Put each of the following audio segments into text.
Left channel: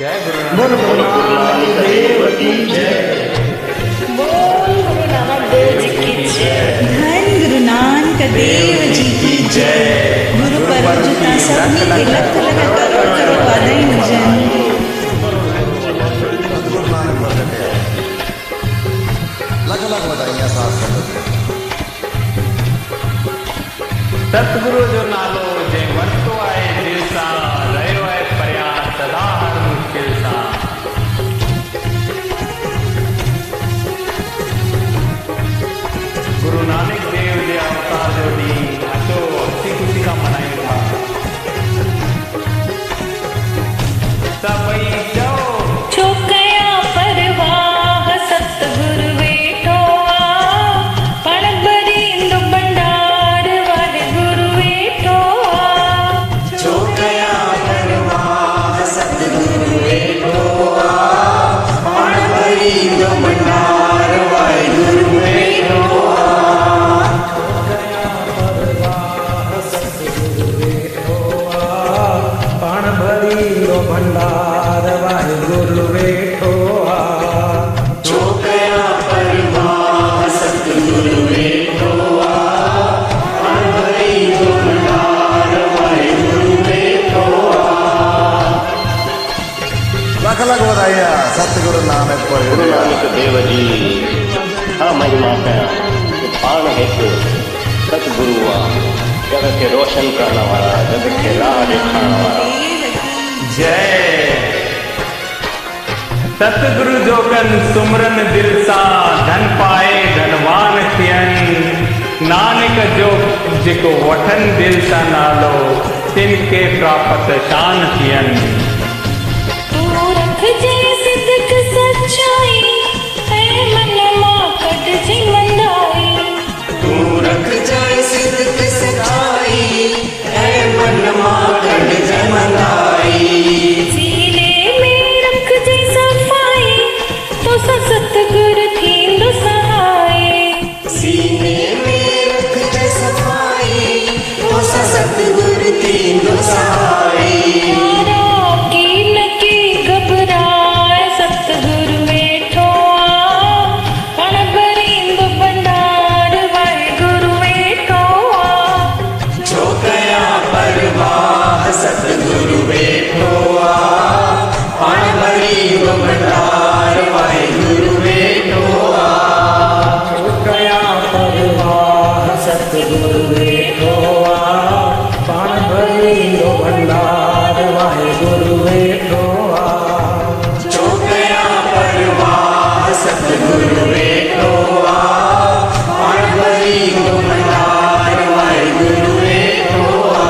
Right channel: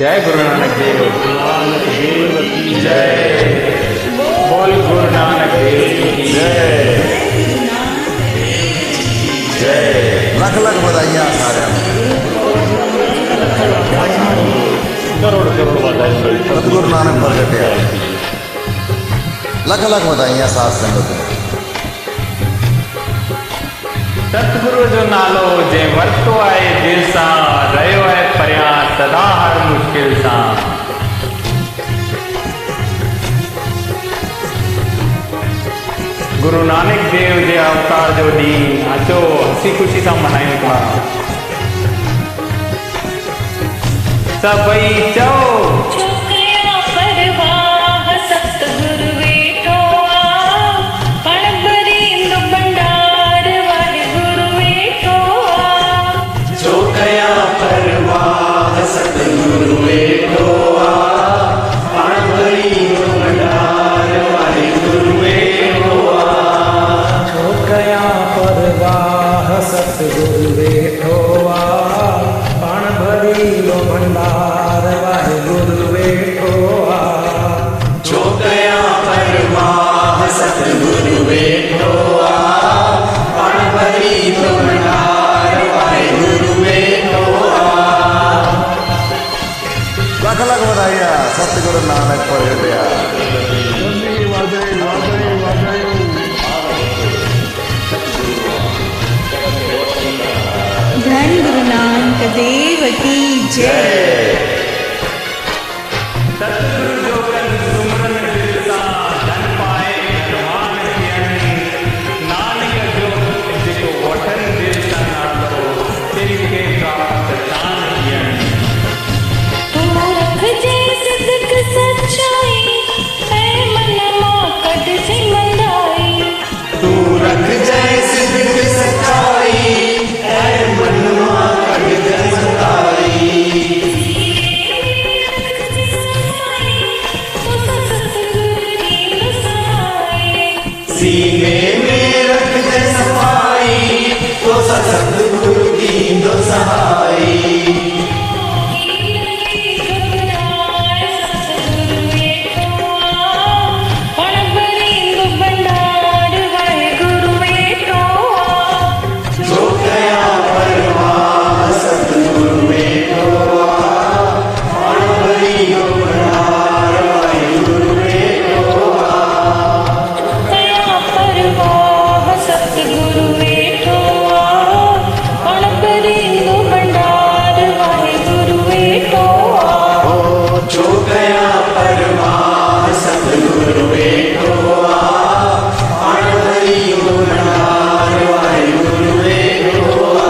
जय गुरु नानक देव की जय। बोल गुरु नानक देव जी की जय। धन गुरु नानक देव जी की जय। लख लख बधाइयाँ। करोड़ करोड़ बधाई। सतगुरु नानक प्रगटे लख लख बधाइयाँ साथ संगत में। सतगुरु जो नालो जे वरतो आए दिल सा रहो है परिया सदा हर मुश्किल सा। गुरु नानक देव जे अवतार जो ॾींहुं अचो हसी खुशी सां मनायूं था। सभई चओ छो कया परवाह सतगुरु वेठो आ पण बरींद भंडार वाहिगुरु वेठो आ। छो कया परवाह सतगुरु वेठो आ पण बरींद भंडार वाहिगुरु वेठो आ। छो कया परवाह सतगुरु वेठो आ पाण भरींदो भंडार वाहिगुरु वेठो आ। छो कया परवाह सतगुरु वेठो आ पण भरींदो भंडार वाहिगुरु वेठो आ। लख लख बधाइयाँ सतगुरु नानक प्रगटे। देव जी हाँ महिमा कया पाण हिकु सतगुरु आहे जग खे रोशन करण वारा। धन गुरु नानक देव की जय। सतगुरु जो कन सुमरन दिल सा धन पाए धनवान थियन। नानक जो जेको वठन दिल सा नालो तिनके प्राप्त शान थियन। तू रख जे सिद्क सच्चाई ऐ मन मां कढ जी मंदाई। तू रख जय सिद्ध सच्चाई ऐ मन मां कढ जय मंदाई। सीने में रख जे सफाई तो सतगुरु थींदो सहाय। सीने में रख जय सफाई तो सतगुरु थींदो सहाय। सतगुरु वेठो आ पण भरींदो भंडार वाहिगुरु वेठो आ। छो कया परवाह सतगुरु वेठो आ पण भरींदो भंडार वाहिगुरु वेठो आ। छो कया परवाह सतगुरु वेठो आ पण भरींदो भंडार वाहिगुरु वेठो आ। छो कया परवाह सतगुरु वेठो आ पण भरींदो भंडार वाहिगुरु वेठो आ।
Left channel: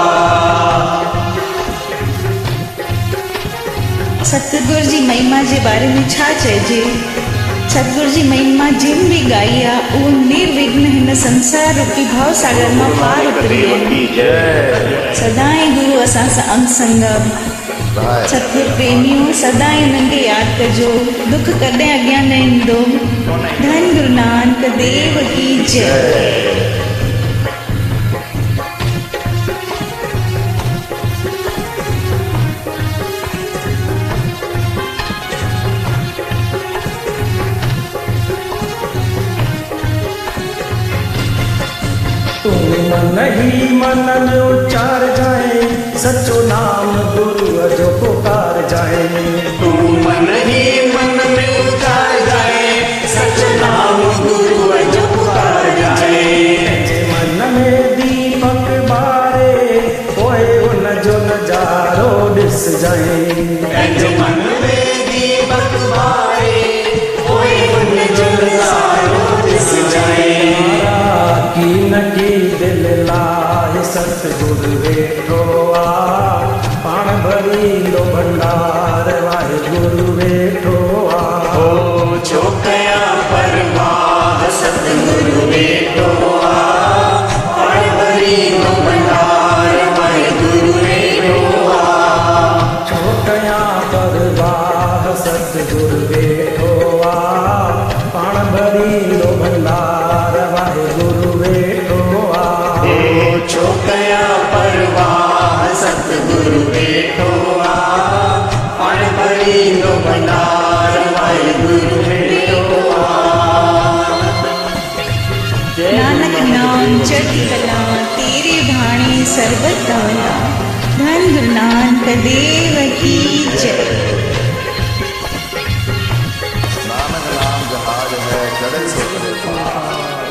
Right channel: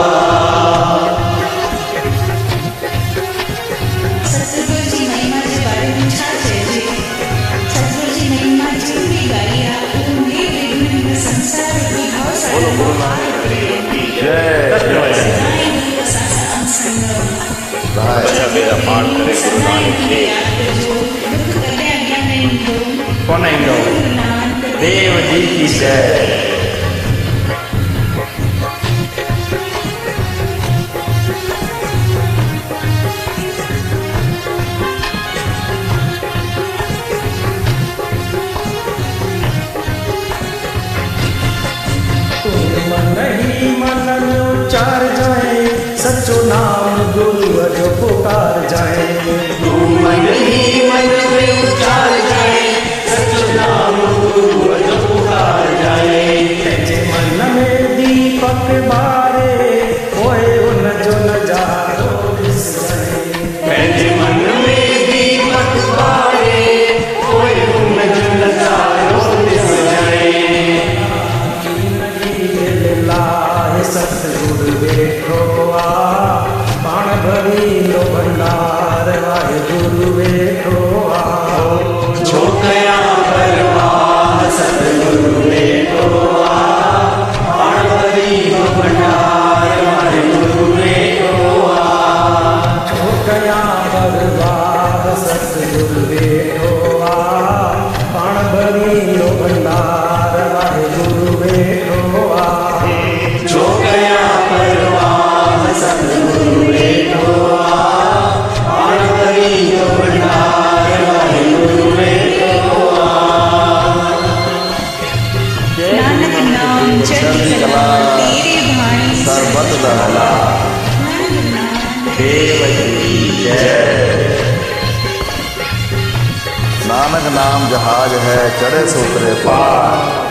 सतगुरु जी महिमा जे बारे में छा चइजे। सतगुरु जी महिमा जिन भी गाई आहे उहो निर्विघ्न हिन संसार रूपी भव सागर मां पार उतरी आहिनि। सदाई गुरु असां सां अंग संग। सतगुरु प्रेमियों सदा इन्हनि खे यादि कजो दुख कॾहिं अॻियां न ईंदो। कोन ईंदो। धन गुरु नानक देव जी की जय। तू मन ही मन में उच्चार जाए सचो नाम गुरु जो पुकार जाए। तू मन ही मन में उतार जाए सच नाम गुरु जो पुकार जाए। तेजे मन में दीपक बारे होए उन जो नजारो दिस जाए। पंहिंजे मन में दीपक बारे कोई उन जो नज़ारो ॾिस जाए। कीन की दिल लाहे सतगुरु वेठो आ पाण भरींदो भंडार वाहिगुरु वेठो आ। छो कया परवाह सतगुरु वेठो आ पण भरींदो भंडार वाहिगुरु वेठो आ। छो कया परवाह सतगुरु वेठो आ पाण भरींदो भंडार वाहिगुरु वेठो आ। छो कया परवाह सतगुरु वेठो आ पण भरींदो नाम जहाज है चढ़े से उतरे पार।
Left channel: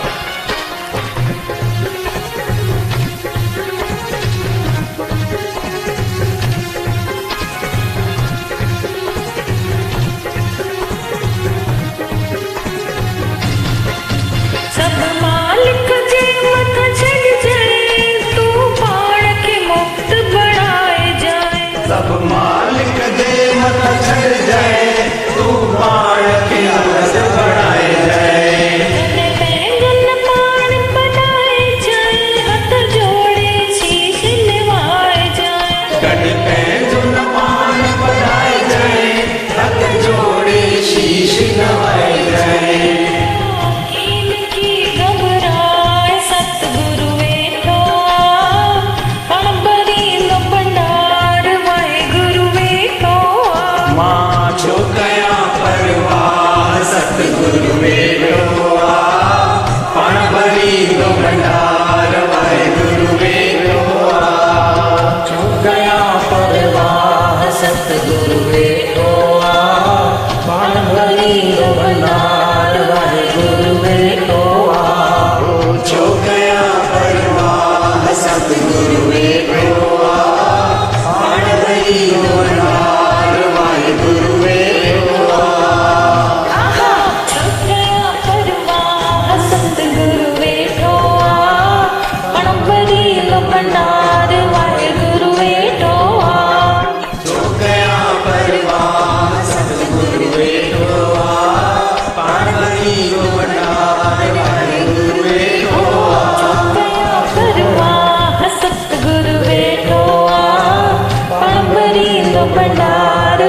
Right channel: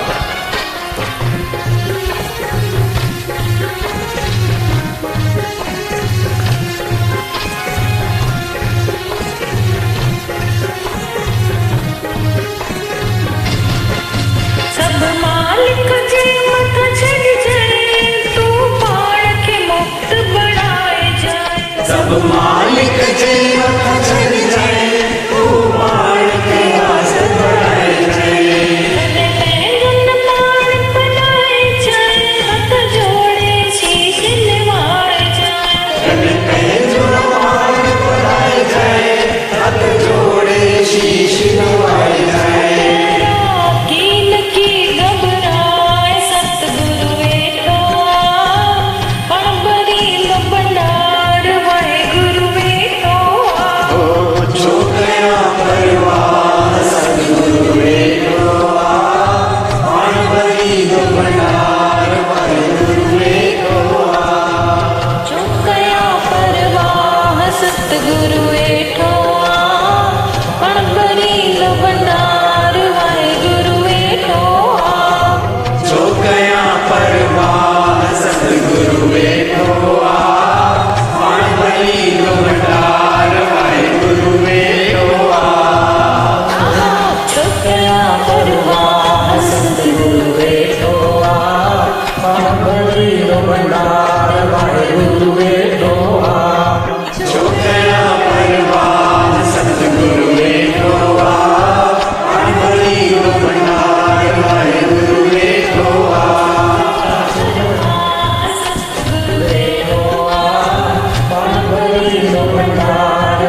सब मालिक जे मत छड़ जाए तू पाण के मुक्त बढ़ाए जाए। सब मालिक जे मत छड़ जाए तू पाण के आस बढ़ाए जाए। कदे पैगन पाण बनाए जाए हथ जोड़े शीश निवाए जाए। कद पैजुन पाण बढ़ाए जाए हाथ जोड़े शीश नवाए जाए। कीन की घबराए सतगुरु वेठो पण बरी लो भंडार वाहे गुरु वेठो। जो कया परवाह सतगुरु वेठो पण भरी लो भंडार वाहेगुरु वेठो। जो कया परवाह सतगुरु वेठो पण भरी लो भंडार वाहे गुरु वेठो। जो कया परवाह सतगुरु वेठो पण भरी लो भंडार वाहेगुरु वेठो। आहा छुकया परवाह सतगुरु वेठो पण भरी लो भंडार वाहे गुरु वेठो। जो कया परवाह सतगुरु वेठो पण भरी लो भंडार वाहेगुरु वेठो। परवाह सतगुरु वेठो पण भरी लो भंडार